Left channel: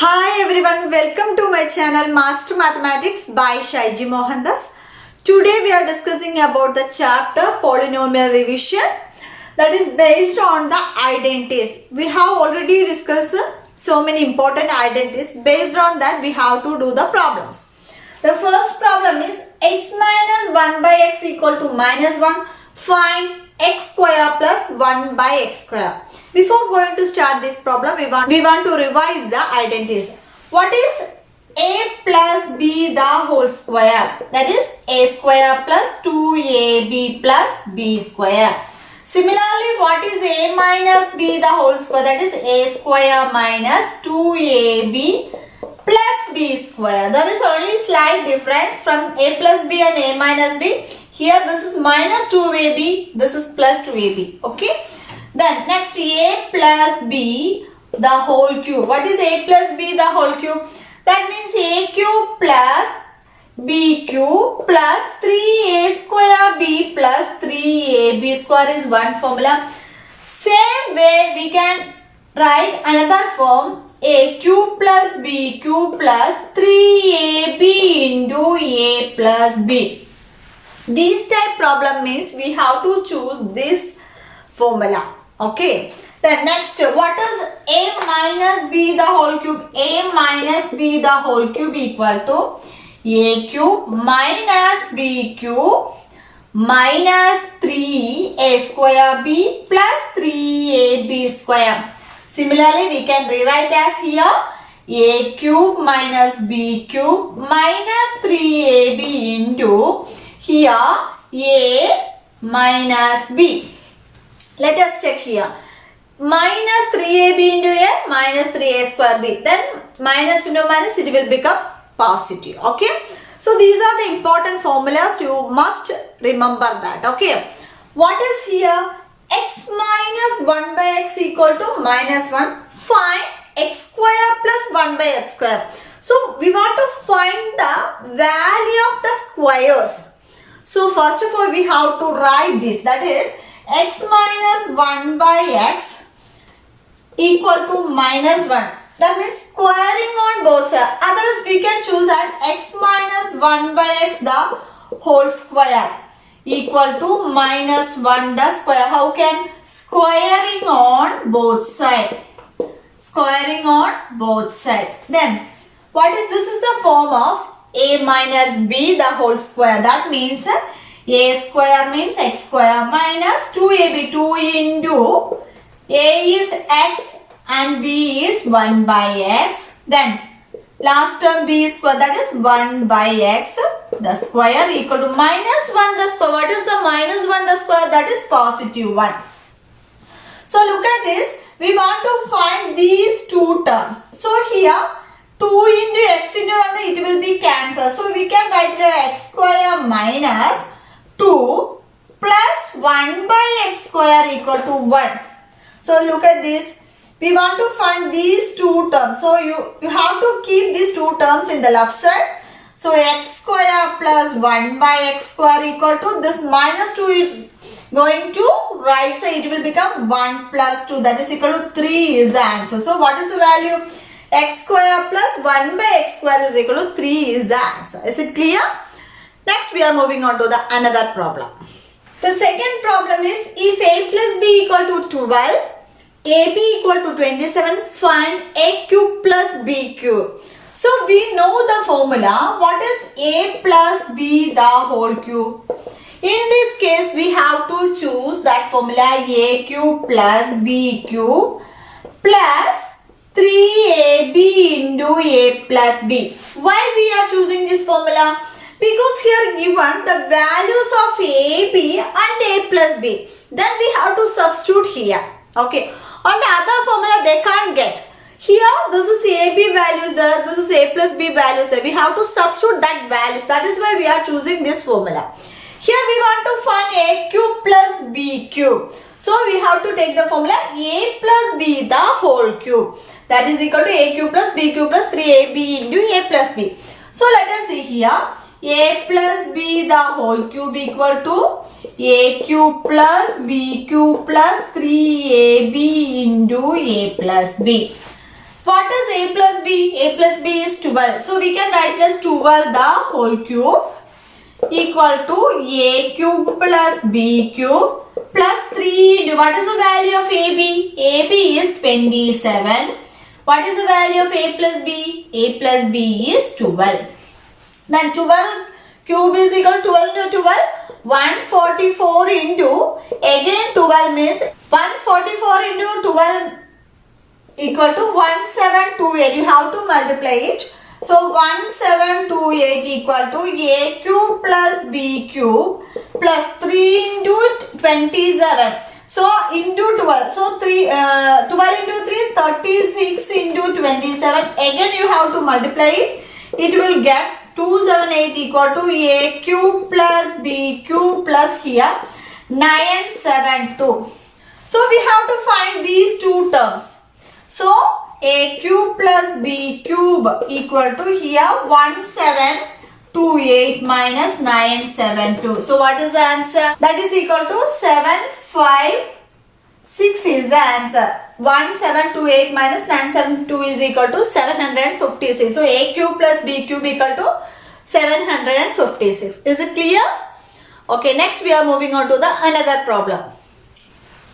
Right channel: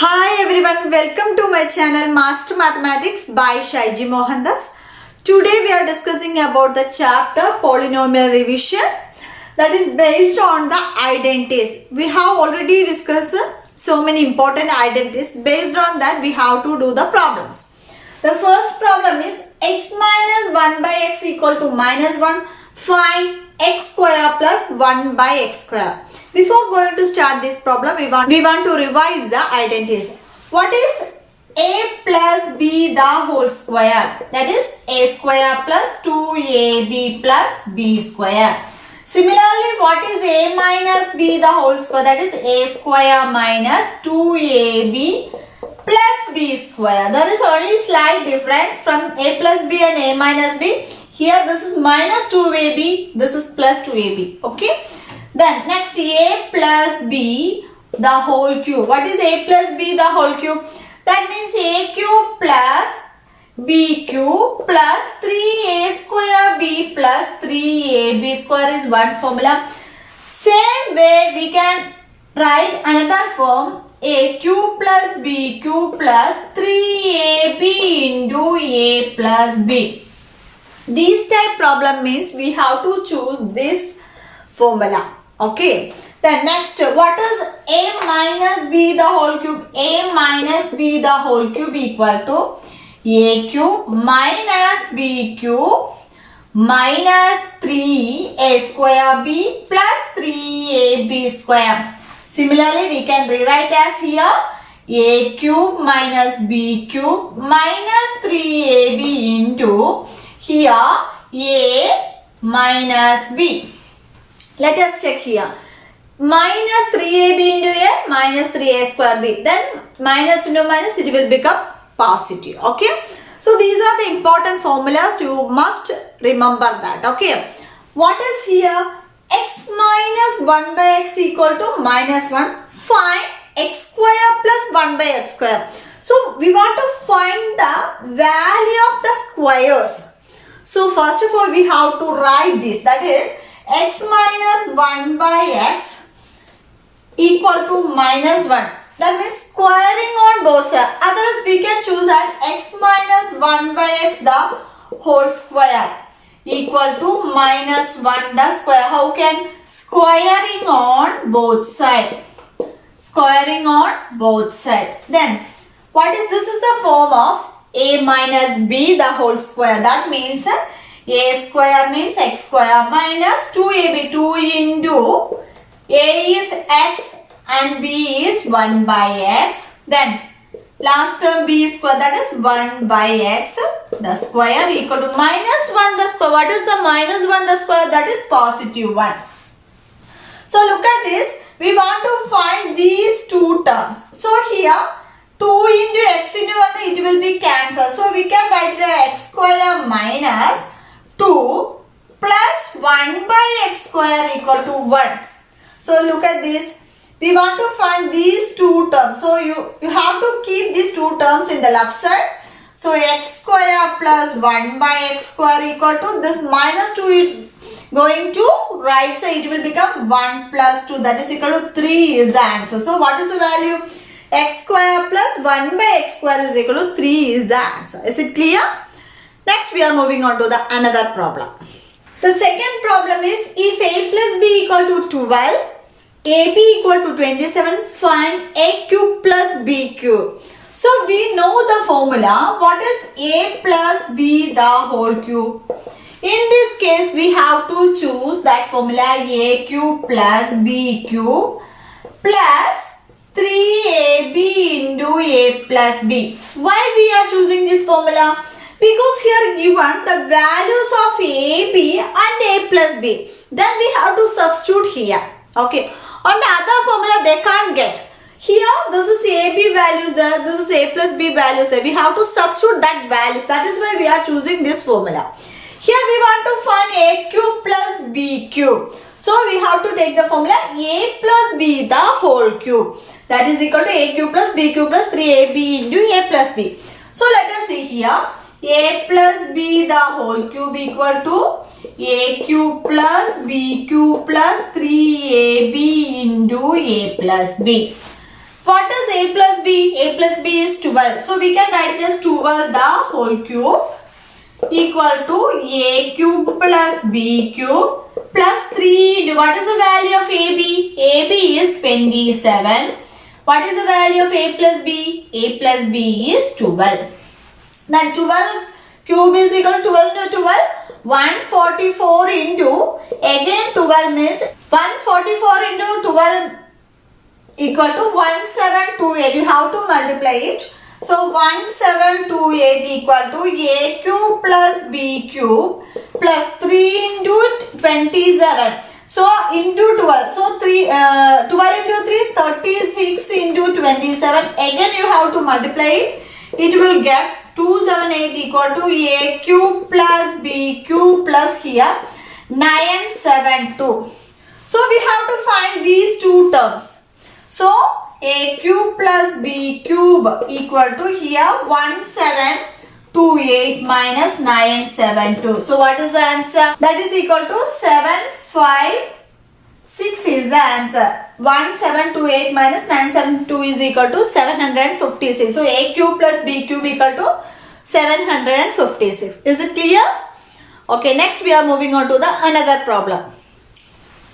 Hi everyone, welcome to my channel Master Mathematics by Shaiji Mohandas. Today we are discussing about the chapter Polynomial Revision, that is based on the identities. We have already discussed so many important identities. Based on that we have to do the problems. The first problem is x minus 1 by x equal to minus 1. Find x square plus 1 by x square. Before going to start this problem, we want to revise the identities. What is a plus b the whole square? That is a square plus 2ab plus b square. Similarly, what is a minus b the whole square? That is a square minus 2ab plus b square. There is only slight difference from a plus b and a minus b. Here this is minus 2ab, this is plus 2ab. Okay. Then next a plus b the whole cube. What is a plus b the whole cube? That means a cube plus b cube plus 3a square b plus 3ab square is one formula. Same way we can write another form, a cube plus b cube plus 3ab into a plus b. This type problem means we have to choose this formula. Okay. Then next, what is a minus b the whole cube? A minus b the whole cube equal to a cube minus b cube minus 3a square b plus 3ab square. Similarly, we can rewrite as here a cube minus b cube minus 3ab into here a minus b. Let us check here. Minus 3ab into a minus 3a square b. Then minus into minus it will become positive. Okay. So these are the important formulas. You must remember that. Okay. What is here? X minus 1 by x equal to minus 1. Find x square plus 1 by x square. So we want to find the value of the squares. So first of all we have to write this, that is x minus 1 by x equal to minus 1. That means squaring on both sides. Otherwise we can choose as x minus 1 by x the whole square equal to minus 1 the square. How can? Squaring on both sides. Squaring on both sides. Then what is this? Is the form of a minus b the whole square. That means a square means x square minus 2ab. 2 into a is x and b is 1 by x. Then last term b square, that is 1 by x the square equal to minus 1 the square. What is the minus 1 the square? That is positive 1. So look at this. We want to find these two terms. So here 2 into x into 1 it will be cancelled. So we can write it x square minus 2 plus 1 by x square equal to 1. So look at this. We want to find these two terms. So you have to keep these two terms in the left side. So x square plus 1 by x square equal to this minus 2 is going to right side. It will become 1 plus 2, that is equal to 3 is the answer. So what is the value? X square plus 1 by x square is equal to 3 is the answer. Is it clear? Next we are moving on to the another problem. The second problem is if a plus b equal to 12, ab equal to 27, find a cube plus b cube. So we know the formula. What is a plus b the whole cube? In this case we have to choose that formula a cube plus b cube plus 3ab into a plus b. Why we are choosing this formula? Because here given the values of a, b and a plus b. Then we have to substitute here. Okay. On the other formula they can't get. Here this is a, b values there. This is a plus b values there. We have to substitute that values. That is why we are choosing this formula. Here we want to find a cube plus b cube. So we have to take the formula a plus b the whole cube. That is equal to a cube plus b cube plus 3ab into a plus b. So let us see here. A plus b the whole cube equal to a cube plus b cube plus 3ab into a plus b. What is a plus b? A plus b is 12. So we can write it as 12 the whole cube equal to a cube plus b cube plus 3. What is the value of ab? Ab is 27. What is the value of a plus b? A plus b is 12. Then 12 cube is equal to 12 into 12. 144 into, again 12 means 144 into 12 equal to 1728. You have to multiply it. So 1728 equal to a cube plus b cube plus 3 into 27. So into 12. So 12 into 3, 36 into 27. Again you have to multiply it. It will get 278 equal to a cube plus b cube plus here 972. So we have to find these two terms. So a cube plus b cube equal to here 1728 minus 972. So what is the answer? That is equal to 756 is the answer. 1728 minus 972 is equal to 756. So a cube plus b cube equal to 756. Is it clear? Okay, next we are moving on to the another problem.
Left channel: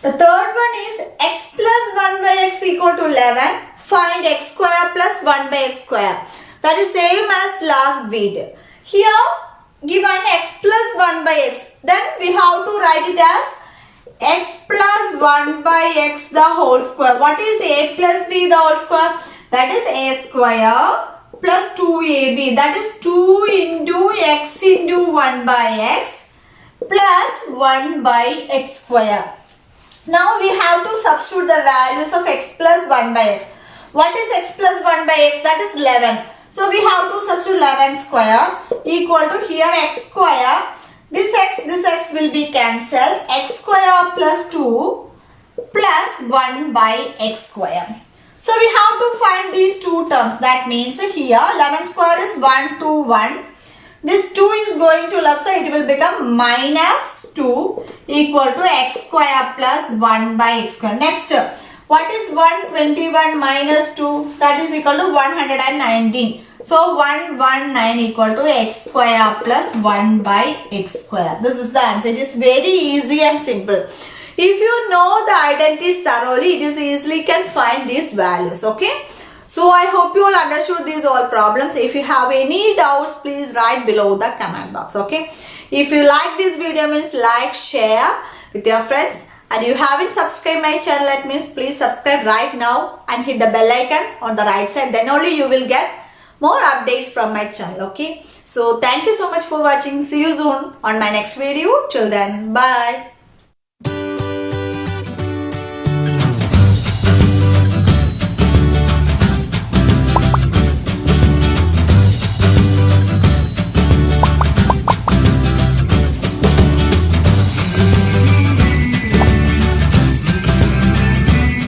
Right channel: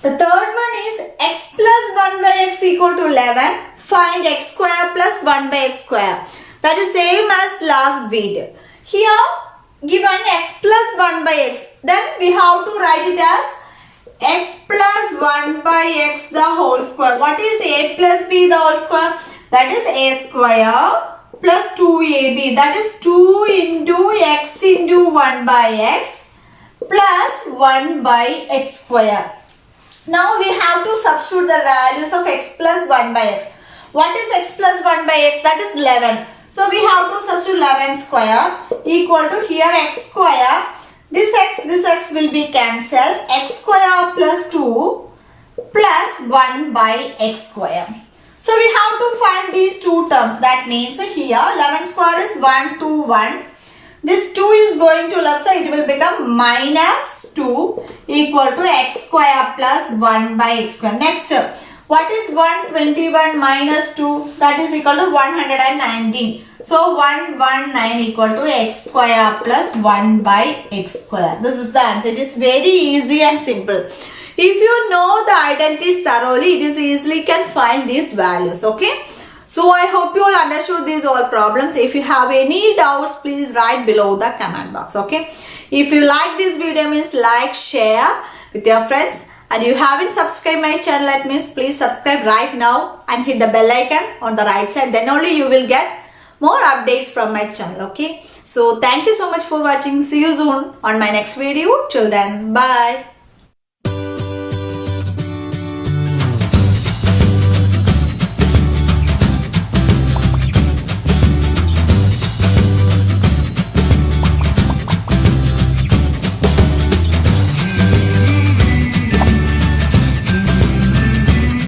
The third one is x plus 1 by x equal to 11. Find x square plus 1 by x square. That is same as last video. Here given x plus 1 by x. Then we have to write it as x plus 1 by x the whole square. What is a plus b the whole square? That is a square plus 2ab. That is 2 into x into 1 by x plus 1 by x square. Now we have to substitute the values of x plus 1 by x. What is x plus 1 by x? That is 11. So we have to substitute 11 square equal to here x square. This x will be cancelled. X square plus 2 plus 1 by x square. So we have to find these two terms. That means here 11 square is 1, 2, 1. This 2 is going to left side. It will become minus 2 equal to x square plus 1 by x square. Next, what is 121 minus 2? That is equal to 119. So 119 equal to x square plus 1 by x square. This is the answer. It is very easy and simple. If you know the identities thoroughly, it is easily can find these values. Okay. So I hope you all understood these all problems. If you have any doubts, please write below the comment box. Okay. If you like this video, means like, share with your friends. And you haven't subscribed my channel, that means please subscribe right now and hit the bell icon on the right side. Then only you will get more updates from my channel. Okay. So thank you so much for watching. See you soon on my next video. Till then, bye.